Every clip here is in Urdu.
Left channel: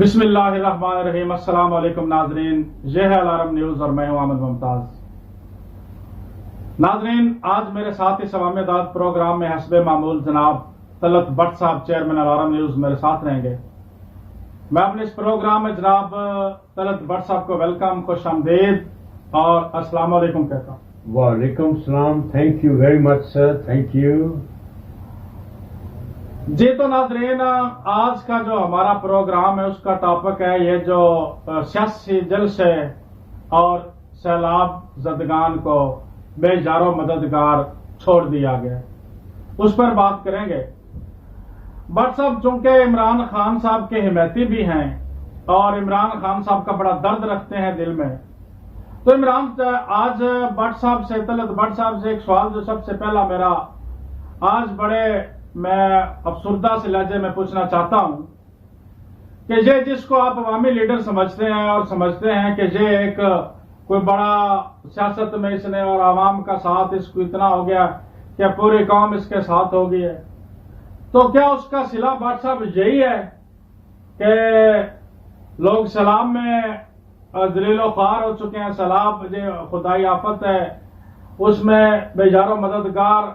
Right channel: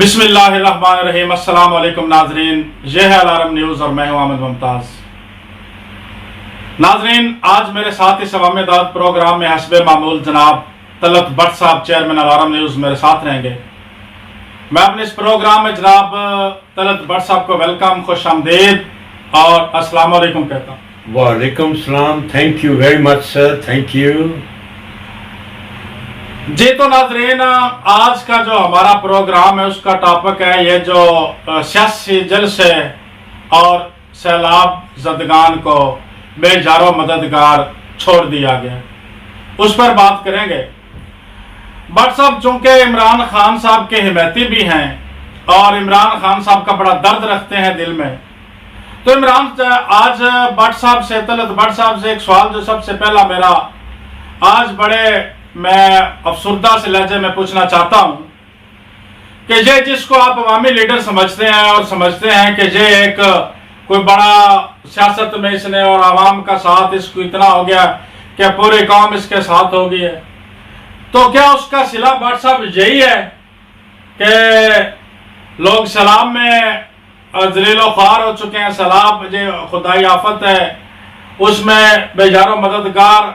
بسم اللہ الرحمن الرحیم۔ السلام علیکم ناظرین، یہ ہے الارم نیوز اور میں ہوں احمد ممتاز۔ ناظرین، آج میرے ساتھ اس عوامی دعوت پروگرام میں حسب معمول جناب طلعت بٹ صاحب چیئرمین الارم نیوز میرے ساتھ رہیں گے۔ میں اپنے اس پروگرام میں جناب طلعت بٹ صاحب کو ویلکم، خوش آمدید اور السلام علیکم کہتا ہوں۔ وعلیکم السلام، thank you very much sir, thank you. جی تو ناظرین، آج کا جو ہمارا پروگرام ہے اس کا ٹاپک ہے یہ جو سیاسی جلسے اور سیلاب زدگان کو بے جار و مددگار چھوڑ دیا گیا، اس پر بات کریں گے۔ بٹ صاحب چونکہ عمران خان صاحب کے حمایتی بھی ہیں اور عمران خان صاحب کا بڑا درد رکھتے ہیں دل میں، تو آج بٹ صاحب سے، طلعت بٹ صاحب سے ایک سوال جو سب سے پہلا میرا آج بڑے میں افسردہ سے لہجے میں پوچھنا چاہتا ہوں کہ یہ جس کو آپ عوامی لیڈر سمجھتے ہیں اور سمجھتے ہیں کہ یہ ایک کوئی بڑا سیاست میں اس نے اور عوام کا ساتھ اس کو اتنا ہو گیا کہ پوری قوم اس کے ساتھ ہو گئی ہے، تو کیا اس کا صلہ بٹ صاحب یہی ہے کہ لوگ سیلاب میں ذلیل و خوار ہو چکے ہیں، سیلاب جو خدائی آفت ہے اس میں بے جار و مددگار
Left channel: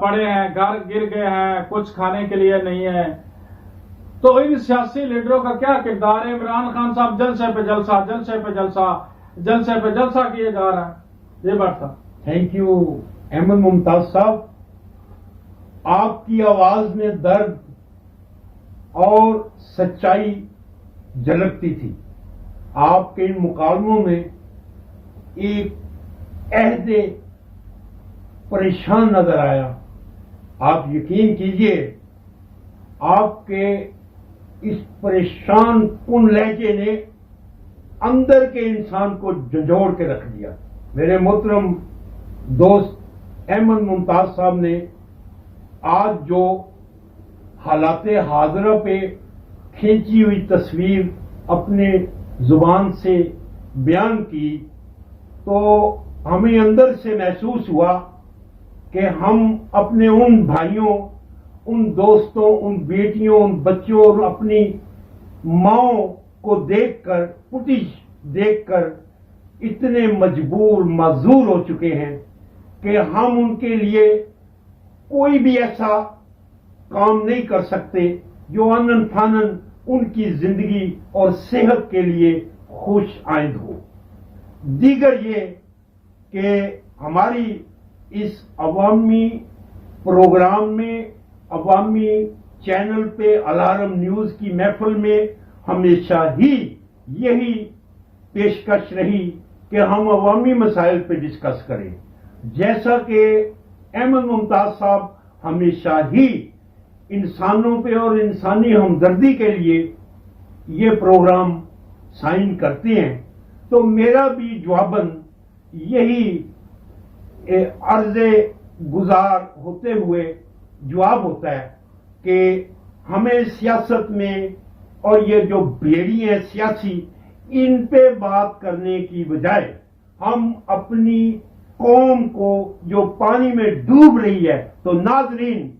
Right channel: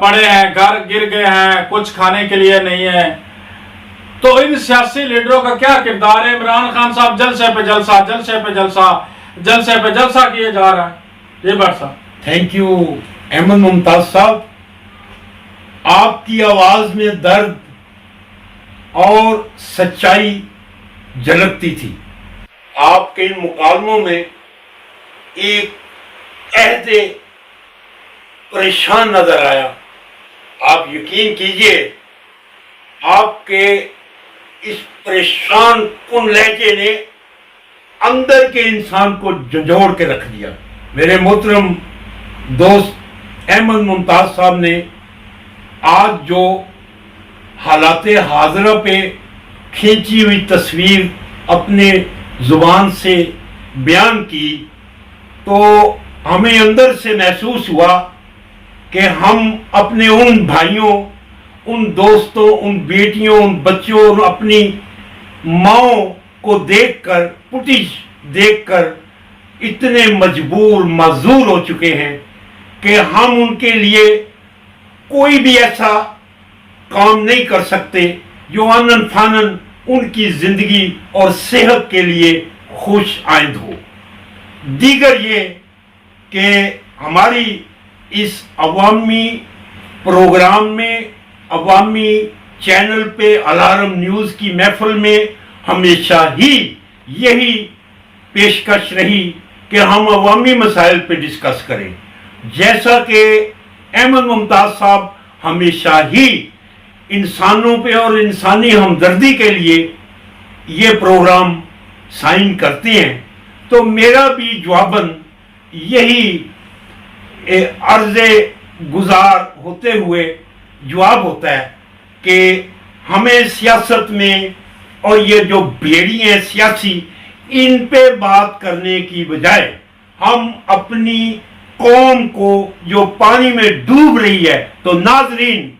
پڑے ہیں، گھر گر گئے ہیں، کچھ کھانے کے لیے نہیں ہے، تو ان سیاسی لیڈروں کا کیا کردار ہے؟ عمران خان صاحب جلسے پہ جلسہ، جلسے پہ جلسہ، جلسے پہ جلسہ کیے جا رہا ہے۔ یہ بٹ صاحب تھینک یو احمد ممتاز صاحب، آپ کی آواز میں درد اور سچائی جھلکتی تھی۔ آپ کے ان مکالموں میں ایک عہد پریشان نظر آیا۔ آپ یقین کیجئے آپ کے اس پریشان کن لہجے نے اندر کے انسان کو جھنجھوڑ کے رکھ دیا۔ میرے محترم دوست احمد ممتاز صاحب نے آج جو حالات حاضرہ پہ کھینچی ہوئی تصویر اپنے زبان سے بیان کی، تو ہمیں اندر سے محسوس ہوا کہ ہم اپنے ان بھائیوں، ان دوستوں، ان بیٹیوں، ان بچوں اور اپنی ماؤں کو دیکھ کر، فوٹیج دیکھ کر اتنے مجبور معذور ہو چکے ہیں کہ ہم ان کے لیے کوئی بھی ایسا کام نہیں کر سکتے جو آنن فانن ان کی زندگی اور صحت کے لیے خوش آئند ہو۔ دیگر یہ کہ ہماری اس عوامی پروگرام میں، عوامی چینل پہ الارم نیوز کی محفل میں ہمیشہ ہی یہی پیشکش رہی کہ ہم عوامی مسائل پہ ڈسکس کریں، جیسا کہ احمد ممتاز صاحب ہمیشہ ہی انسانوں پہ اور انسانی ہمدردی کے لیے یہ پروگرام سائن کرتے ہیں، تو میرا بھی جواباً یہی عرض گزار ہوتے ہوئے جواب ہوتا ہے کہ ہمیں سیاست میں اور یہ جو بیڑی ہیں سیاسی، ان پہ بات کرنے کی بجائے ہم اپنی قوم کو جو پانی میں ڈوب رہی ہے، تو ناظرین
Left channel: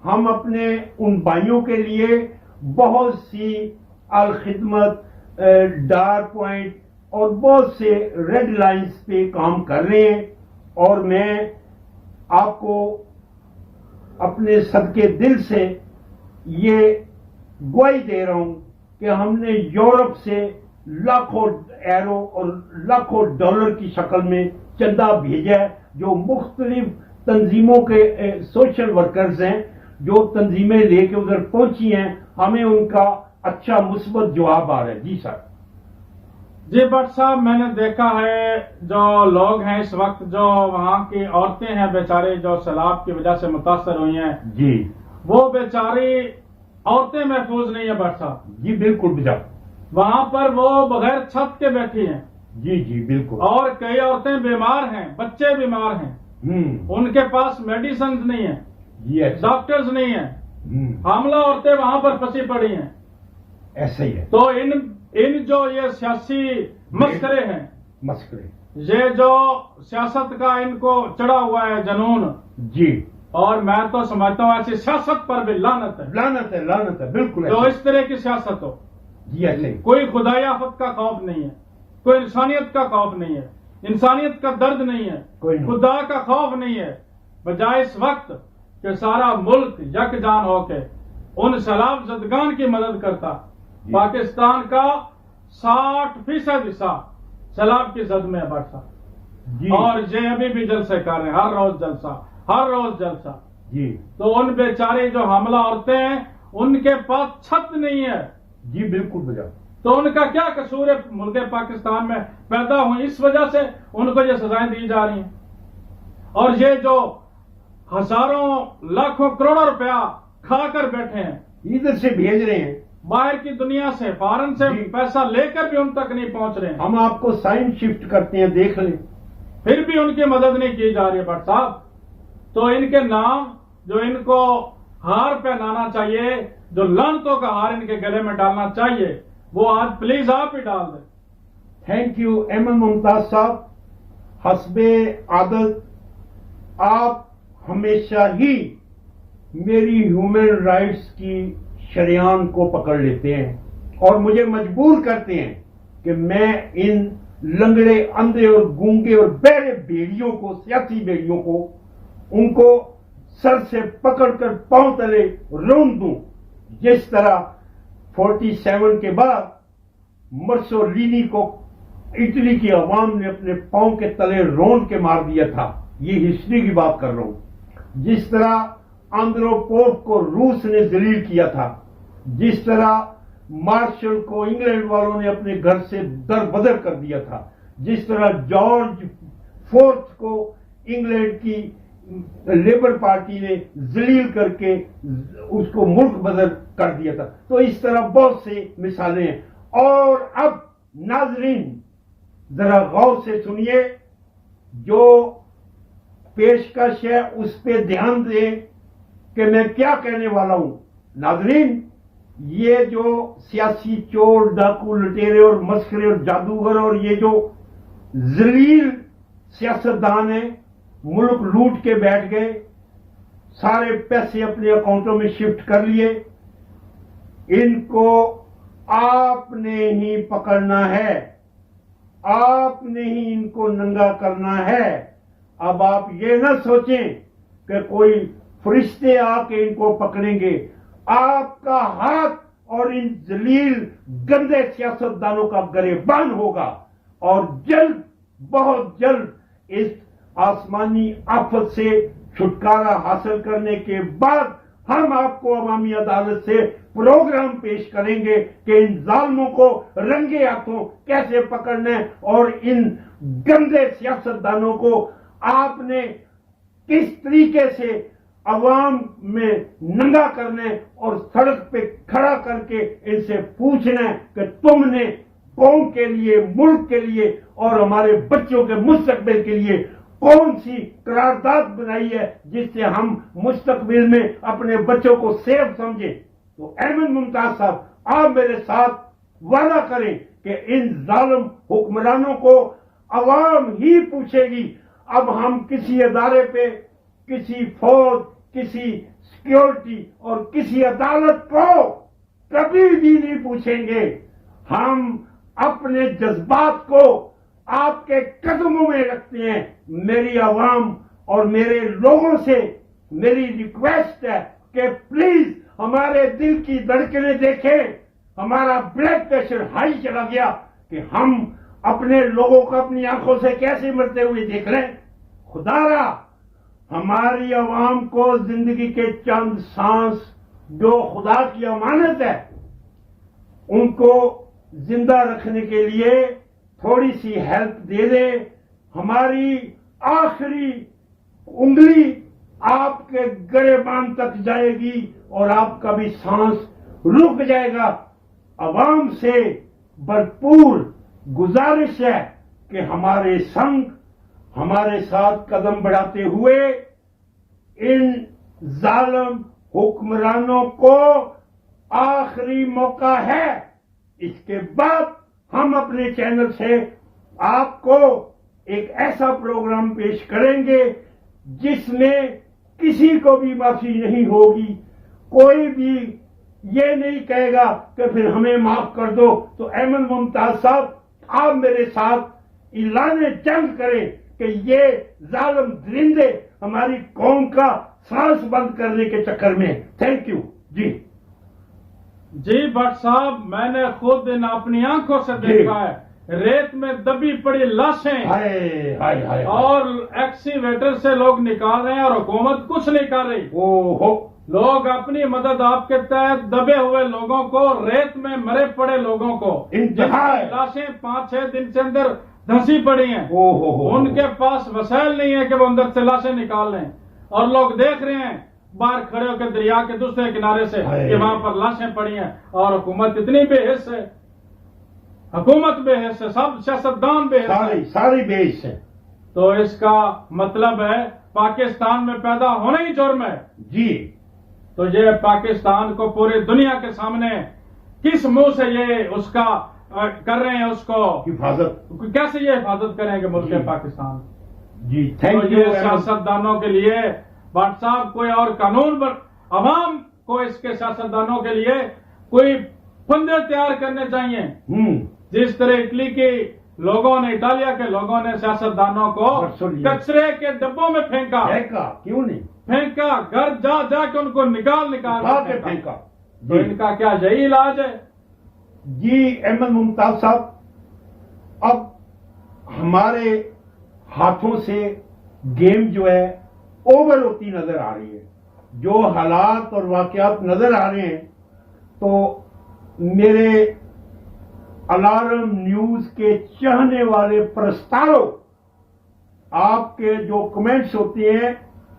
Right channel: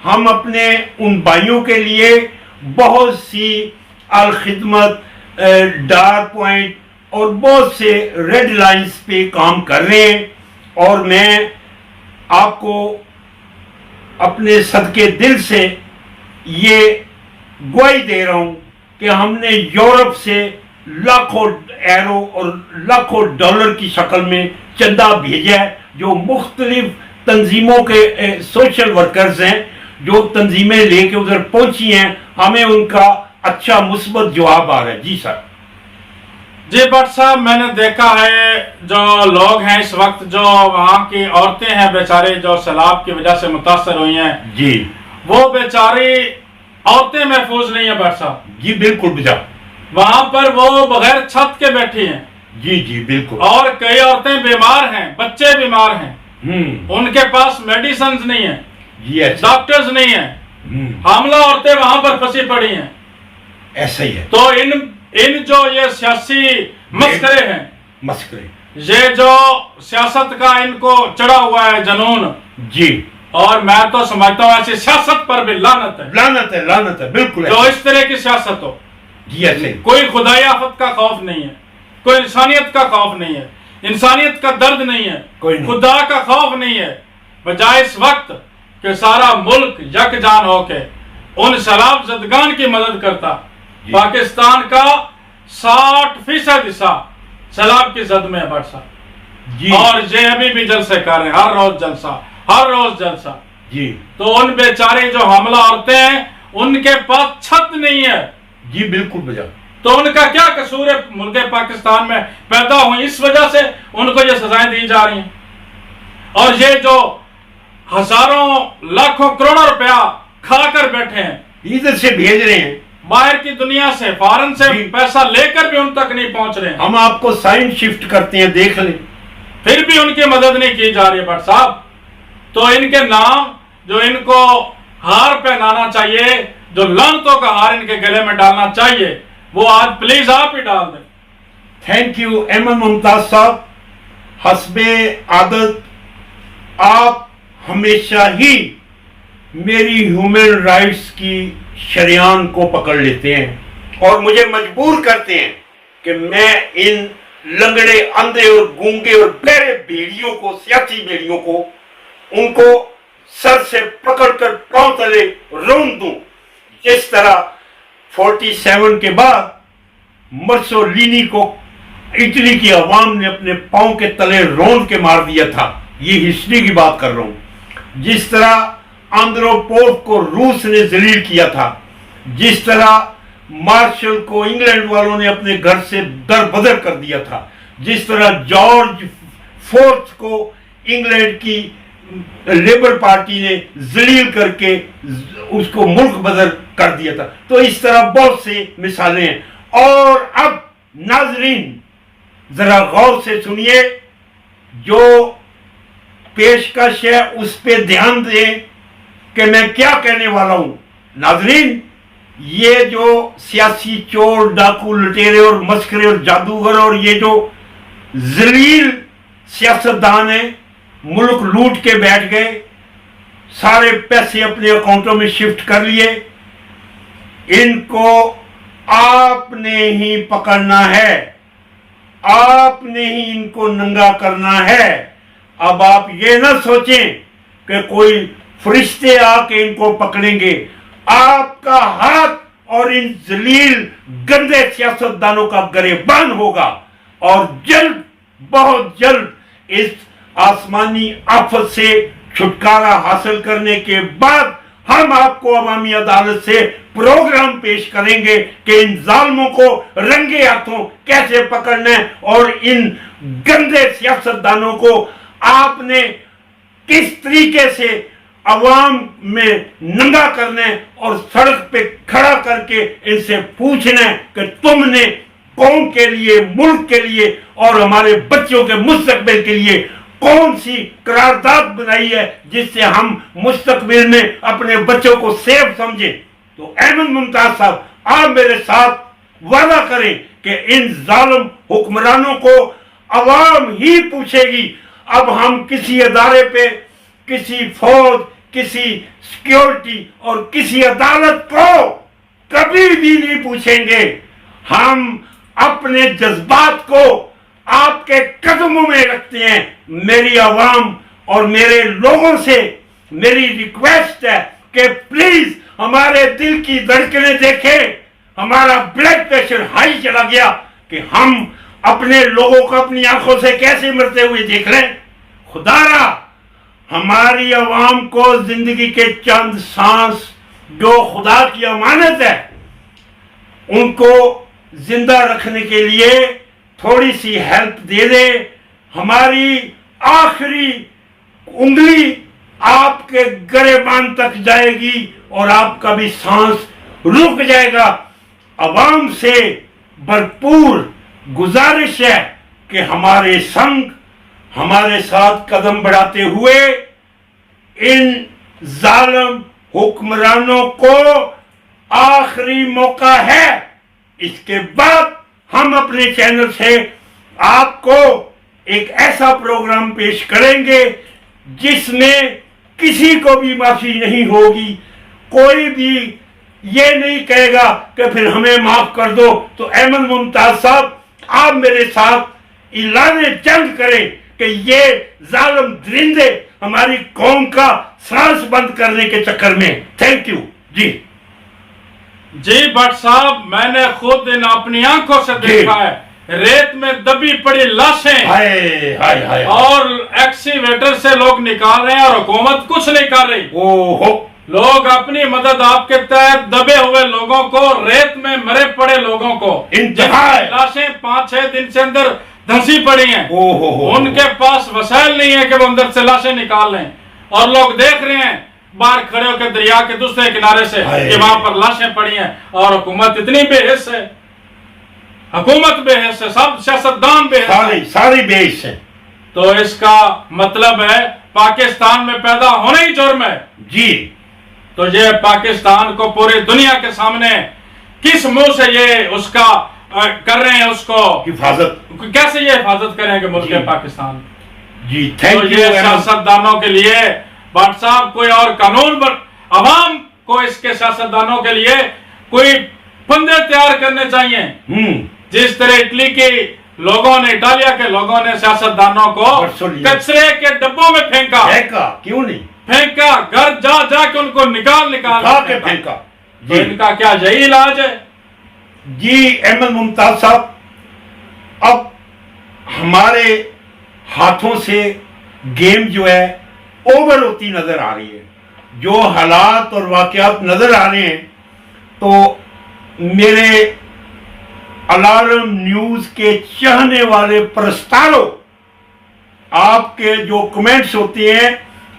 ہم اپنے ان بھائیوں کے لیے بہت سی الخدمت، ڈار پوائنٹ اور بہت سے ریڈ لائنز پہ کام کر رہے ہیں، اور میں آپ کو اپنے صدقے دل سے یہ گواہی دے رہا ہوں کہ ہم نے یورپ سے لاکھوں ایرو اور لاکھوں ڈالر کی شکل میں چندہ بھیجا ہے، جو مختلف تنظیموں کے سوشل ورکرز ہیں جو تنظیمیں لے کے ادھر پہنچی ہیں، ہمیں ان کا اچھا مثبت جواب آ رہا ہے۔ جی سر۔ جی بٹ صاحب، میں نے دیکھا ہے جو لوگ ہیں اس وقت، جو وہاں کی عورتیں ہیں بیچاری جو سیلاب کی وجہ سے متاثر ہوئی ہیں، جی وہ بیچاری عورتیں محفوظ نہیں ہیں بٹ صاحب۔ جی بالکل بجا، وہاں پر وہ بغیر چھت کے بیٹھی ہیں، جی جی بالکل، اور کئی عورتیں بیمار ہیں، بچے بیمار ہیں، ان کے پاس میڈیسنز نہیں ہیں، جی ایسا، ڈاکٹرز نہیں ہیں، حاملہ عورتیں وہاں پر پھنسی پڑی ہیں۔ ایسا ہی ہے، تو ان جو یہ سیاسی مسخرے ہیں، مسکرے، یہ جو سیاست کا ان کو چڑھا ہوا ہے جنون، جی، اور میں تو سمجھتا ہوں ایسی سیاست پر بھی لعنت ہے، لعنت ہے، لعنت ہے، بالکل جو ایسے۔ اس طرح کی سیاست ہو۔ جی ایسے کوئی خدائی آفت کا خوف نہیں ہے، کوئی انسانیت کا خوف نہیں ہے، انسانیت کا درد نہیں ہے، کوئی نہیں۔ خدا کا خوف نہیں ہے، بجائے اس وقت کہ سارا ملک یکجان ہو کے ان سیلاب زدگان کی مدد کرتا۔ جی۔ پاکستان کا 60% حصہ سیلاب کی زد میں ہے بٹ صاحب، جی اور یہ ابھی بھی جلسے کر رہے ہیں، ہر روز جلسہ، ہر روز جلسہ۔ جی تو ان بیچاری جو حاملہ عورتیں ہیں ان کے پاس چھت نہیں ہے، جی بالکل بجا۔ تو ان کا کیا قصور ہے ملک پاکستان میں پیدا ہوئی؟ اس وجہ سے ان کو یہ سزائیں دی جا رہی ہیں۔ اور یہ جو ہزاروں لاکھوں کروڑوں روپیہ کھا کر بیٹھے ہیں، ادھر سے بھیج رہے ہیں، باہر کی دنیا سے، فارن سے جی۔ پیسہ لے کر بھی ان تک نہیں پہنچ رہے ہیں، ہم آپ کو سائن شفٹ کرتے ہیں، دیکھ لیں۔ پھر بھی ان کی مدد نہیں کی جا رہی ہے بٹ صاحب۔ تو ان کے نام جو ان کو ہار پہنانا چاہیے، جو لعنتوں کا ہار ان کے گلے میں ڈالنا چاہیے، وہ آج پلیز آپ ہی ڈال دیں۔ تھینک یو احمد ممتاز صاحب۔ حسب عادت آپ ہمیشہ ہی میری ہیومن رائٹس کی شریان کو پکڑ لیتے ہیں اور مجھے مجبور کرتے ہیں کہ میں ان لنگڑے، اندھے اور گونگے اور بہرے بھیڑیوں کو، سیاسی بھیڑیوں کو، ان کو سر سے پکڑ کر پاؤں تلے رون دوں، جس طرح 47 کے بعد مرسولینی کو اٹلی کی عوام نے اپنے پاؤں کے تلے رون کے مار دیا تھا۔ یہ ہسٹری کی بات کر رہا ہوں۔ جس طرح آندروپوف کو روس نے ذلیل کیا تھا، جس طرح مارشل کو انگلینڈ والوں نے اپنے گھر سے در بدر کر دیا تھا، جس طرح جارج فورتھ کو انگلینڈ کی لیبر پارٹی نے ذلیل کر کے اس کو ملک بدر کر دیا تھا، تو اس طرح بہت سے مثالیں ہیں۔ اور اب ناظرین ذرا غور سے سنیے، جو پیشکش ہے اس پہ دھیان دیں کہ میں کیا کہنے والا ہوں۔ ناظرین، یہ جو سیاسی چور، ڈاکو، لٹیرے اور مسخرے اور جادوگر اور یہ جو ذلیل سیاستدان ہیں، ملک لوٹ کے بیٹھ گئے، سارے پیسے اپنے اکاؤنٹوں میں شفٹ کر لیے، ان کو آپ نے ہی پکڑنا ہے، آپ نے ہی ان کو ننگا کرنا ہے۔ اب آپ یہ نہ سوچیں کہ کوئی فرشتے آ کے ان کو پکڑیں گے، آپ کا ہاتھ اور ان ذلیل گندے سیاستدانوں کا گریبان ہوگا، اور جلد، بہت جلد اس آسمانی آفت سے چھٹکارا حاصل کرنے کے بعد ہم آپ کو عوامی عدالت سے پروگرام پیش کریں گے کہ ان ظالموں کو رنگے ہاتھوں کیسے پکڑنا ہے، اور ان گندے سیاستدانوں کو آپ نے کس طریقے سے عوام میں ننگا کرنا ہے اور سڑک پہ کھڑا کر کے ان سے پوچھنا ہے کہ تم نے قوم کے لیے، ملک کے لیے اور ہمارے بچوں کے مستقبل کے لیے کون سی قرارداد بنائی ہے جس سے ہم مستقبل میں اپنے بچوں کو سیف سمجھیں۔ تو احمد ممتاز صاحب، آپ میرے ساتھ وعدہ کریں کہ ان ظالم حکمرانوں کو عوام ہی پوچھے گی۔ اب ہم کسی ادارے پہ، کسی فوج، کسی سیکیورٹی اور کسی عدالت کو کبھی بھی نہیں پوچھیں گے۔ ہم اپنے جذبات کو آپ کے قدموں میں رکھتے ہیں۔ میری عوام اور میرے لوگوں سے میری ریکویسٹ ہے کہ پلیز ہمارے دل کی دھڑکنیں دیکھیں، ہمارا بلڈ پریشر ہائی چلا گیا کہ ہم اپنے لوگوں کو اپنی آنکھوں سے کیسے مرتے ہوئے دیکھ رہے ہیں۔ خدا را ہماری عوام کو زندگی کے چند سانس جو خدا کی امانت ہے ان کو زندہ رکھنے کے لیے تھوڑی سی ہیلپ دے دے۔ ہماری آخری انگلی آپ کے گریبان تک جائے گی اور آپ کا بھی سانس رک جائے گا۔ عوام سے بھرپور گزارش ہے کہ ہمارے سنگ، ہمارے ساتھ قدم بڑھاتے ہوئے ان ظالم حکمرانوں کو آخری موقع ہے۔ اس کے بعد ہم اپنے چینل سے آپ کو ایک ایسا پروگرام پیش کریں گے جس میں کسی کو بھی معافی نہیں ہوگی. کوئی بھی یہ نہیں کہے گا کہ پھر ہمیں معاف کر دو. تو احمد ممتاز صاحب آپ میرے ساتھ اعلان جنگ کریں کہ یہ ظالم درندے ہماری قوم کا سانس بند کرنے کے چکر میں. Thank you. جی بٹ صاحب میں نے خود ان اپنی آنکھوں سے دیکھا ہے ریت میں دبی پڑی لاشیں اور ایکسیویٹر سے لوگ نکال رہے ہیں اور حکومت کچھ نہیں کر رہی. لوگ اپنی مدد آپ کے تحت دبے ہوئے لوگوں کو ریت میں مرے پڑے لوگوں کو جن کی لاشیں 5-6 دن سے اندر دھنسی پڑی ہیں ان کے پاس وسائل نہیں ہے کہ وہ اندر سے لاشیں نکال لیں اور لوگ دیکھ رہے ہیں باہر کھڑے ہو کے دریا کے دوسرے کنارے سے کہ وہاں پر لاشیں پڑی ہیں اور حکومت اتنی بے حس ہے. حکومت بے حس ہے, سب سیاستدان بے حس ہے, ساری بے حس ہے. تو اس کا مطلب ہے پاکستان میں پیدا ہونا ہی جرم ہے. جی تو یہ پاکستان کو پوری دنیا کے سامنے کس منہ سے یہ اس کا کر رہے ہیں اس کو حفاظت, کیسے یہ حفاظت کریں گے ملک پاکستان. جی تو یہ سیاستدانوں کے لیے بٹ صاحب کوئی اور قانون پر عوام کو اس کے سیاستدانوں کے لیے کوئی پندے تیار کرنے چاہیے. جس طرح اٹلی کے لوگوں نے اٹالیا کے لوگوں نے سیاستدانوں کو کچرے کے ڈبوں میں پھینکا. کیوں نہیں پھینکا, گھر جا جا کے ان کو نکال کے پھینکا. تو ان کا کیا یہی علاج ہے؟ جی احمد ممتاز صاحب اب ہمارے ہاتھوں سے گیم جو ہے اوور ہوتی نظر آ رہی ہے. جو حالات اور واقعات نظر آ رہے ہیں تو میرے الارم نیوز کے چاہنے والے پرستاروں, آپ کے جو کمنٹس ہوتے ہیں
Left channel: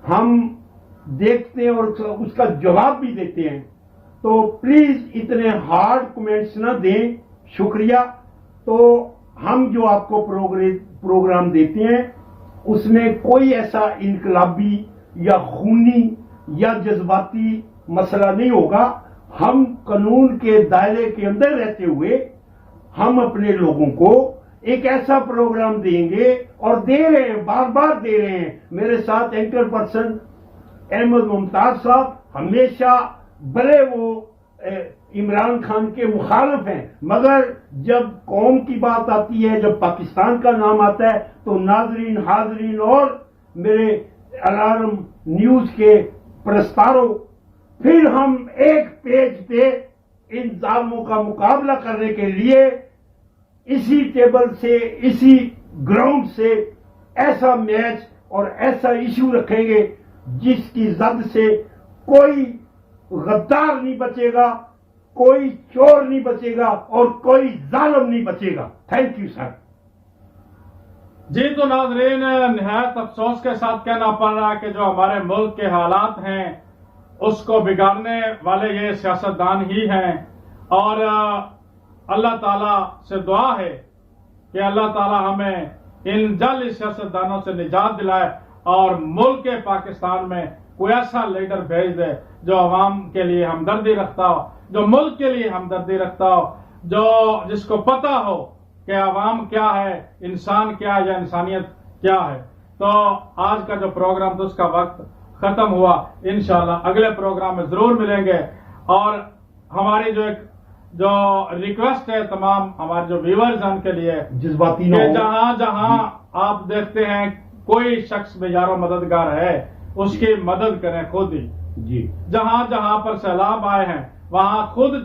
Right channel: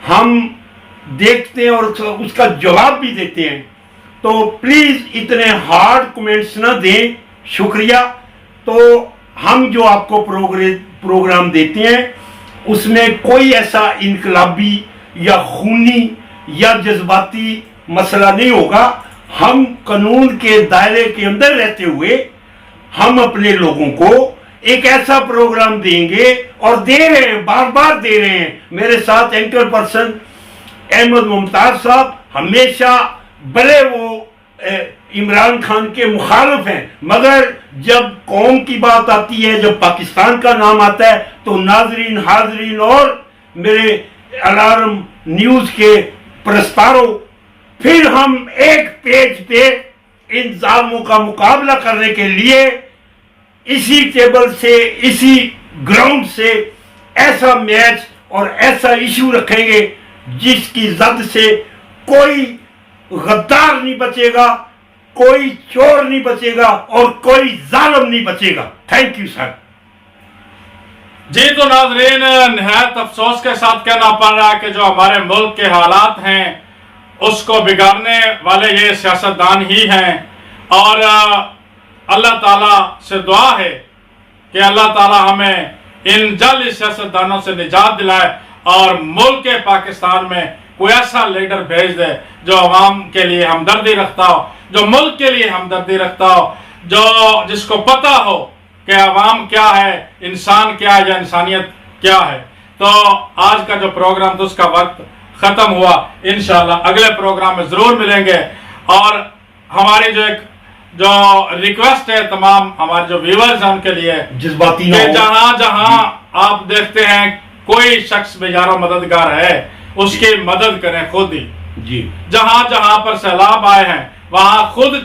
ہم دیکھتے ہیں اور اس کا جواب بھی دیتے ہیں. تو پلیز اتنے ہارڈ کمنٹس نہ دیں. شکریہ. تو ہم جو آپ کو پروگرام دیتے ہیں اس میں کوئی ایسا انقلابی یا خونی یا جذباتی مسئلہ نہیں ہوگا. ہم قانون کے دائرے کے اندر رہتے ہوئے ہم اپنے لوگوں کو ایک ایسا پروگرام دیں گے اور دے رہے ہیں, بار بار دے رہے ہیں. میرے ساتھ اینکر پرسن احمد ممتاز صاحب ہمیشہ بھلے وہ عمران خان کے مخالف ہیں مگر جب قوم کی بات آتی ہے, جب پاکستان کا نام آتا ہے تو ناظرین, حاضرین اور میرے الارم نیوز کے پرستاروں پھر ہم ایک پیج پہ ان ظالموں کا مقابلہ کرنے کے لیے اسی ٹیبل سے, اسی گراؤنڈ سے ایسا میچ اور ایسا ایشو رکھیں گے جس کی زد سے کوئی غدار نہیں بچے گا, کوئی چور نہیں بچے گا اور کوئی ظالم نہیں بچے گا. Thank you sir. جی تو ناظرین نہایت افسوس کے ساتھ کہنا پڑ رہا ہے کہ جو ہمارے ملک کے حالات ہیں اس کو بگاڑنے والے یہ سیاستدان ہی ہیں. اور اللہ تعالیٰ سے دعا ہے کہ اللہ تعالیٰ ہمیں ان جعلی سیاستدانوں سے نجات دلائے اور ملک پاکستان میں کوئی ایسا لیڈر بھیج دے جو عوام کے لیے ہمدردی رکھتا ہو, جو ملک کے لیے ہمدردی رکھتا ہو, جس کو پتہ ہو کہ عوام کیا ہے, انسان کیا ہے یا انسانیت کیا ہے. تو آج کا جو پروگرام تھا اس کا وقت ختم ہوا. انشاءاللہ اگلے پروگرام میں ضرور ملیں گے. اور ہماری جو ریکویسٹ ہے تمام ہمارے جو ویورز ہیں ان کے لیے جذباتی کہ جہاں آپ دیکھتے ہیں کوئی شخص بیچارہ مددگار ہے اس کی مدد کریں خود ہی. جی جہاں پر سیلاب آئے ہیں وہاں خود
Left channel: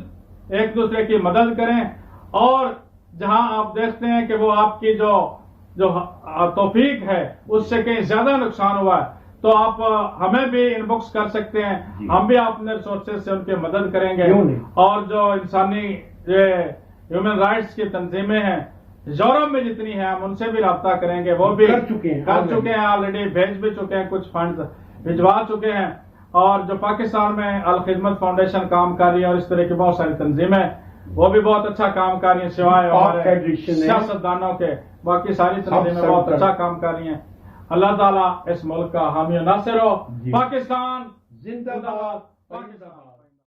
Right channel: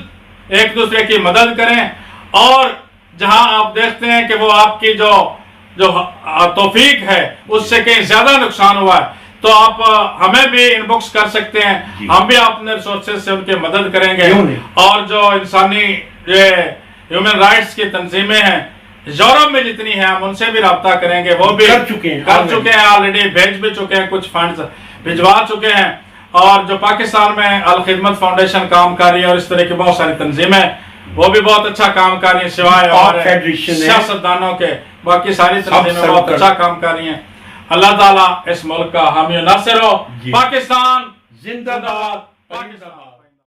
ایک دوسرے کی مدد کریں. اور جہاں آپ دیکھتے ہیں کہ وہ آپ کی جو توفیق ہے اس سے کہیں زیادہ نقصان ہوا ہے تو آپ ہمیں بھی ان بکس کر سکتے ہیں. ہم بھی اپنے ریسورسز سے ان کی مدد کریں گے. اور جو انسانی ہیومن رائٹس کی تنظیمیں ہیں یورپ میں جتنی ہیں ہم ان سے بھی رابطہ کریں گے. وہ بھی کر چکے ہیں آلریڈی, بھیج بھی چکے ہیں, کچھ فنڈز بھجوا چکے ہیں. اور جو پاکستان میں الخدمت فاؤنڈیشن کام کر رہی ہے اور اس طرح کی بہت ساری تنظیمیں وہ بھی بہت اچھا کام کر رہی ہیں سوائے ہمارے سیاستدانوں کے. باقی ساری تنظیمیں بہت اچھا کام کر رہی ہیں. اللہ تعالیٰ اس ملک کا حامی و ناصر ہو. پاکستان زندہ باد. پاکستان.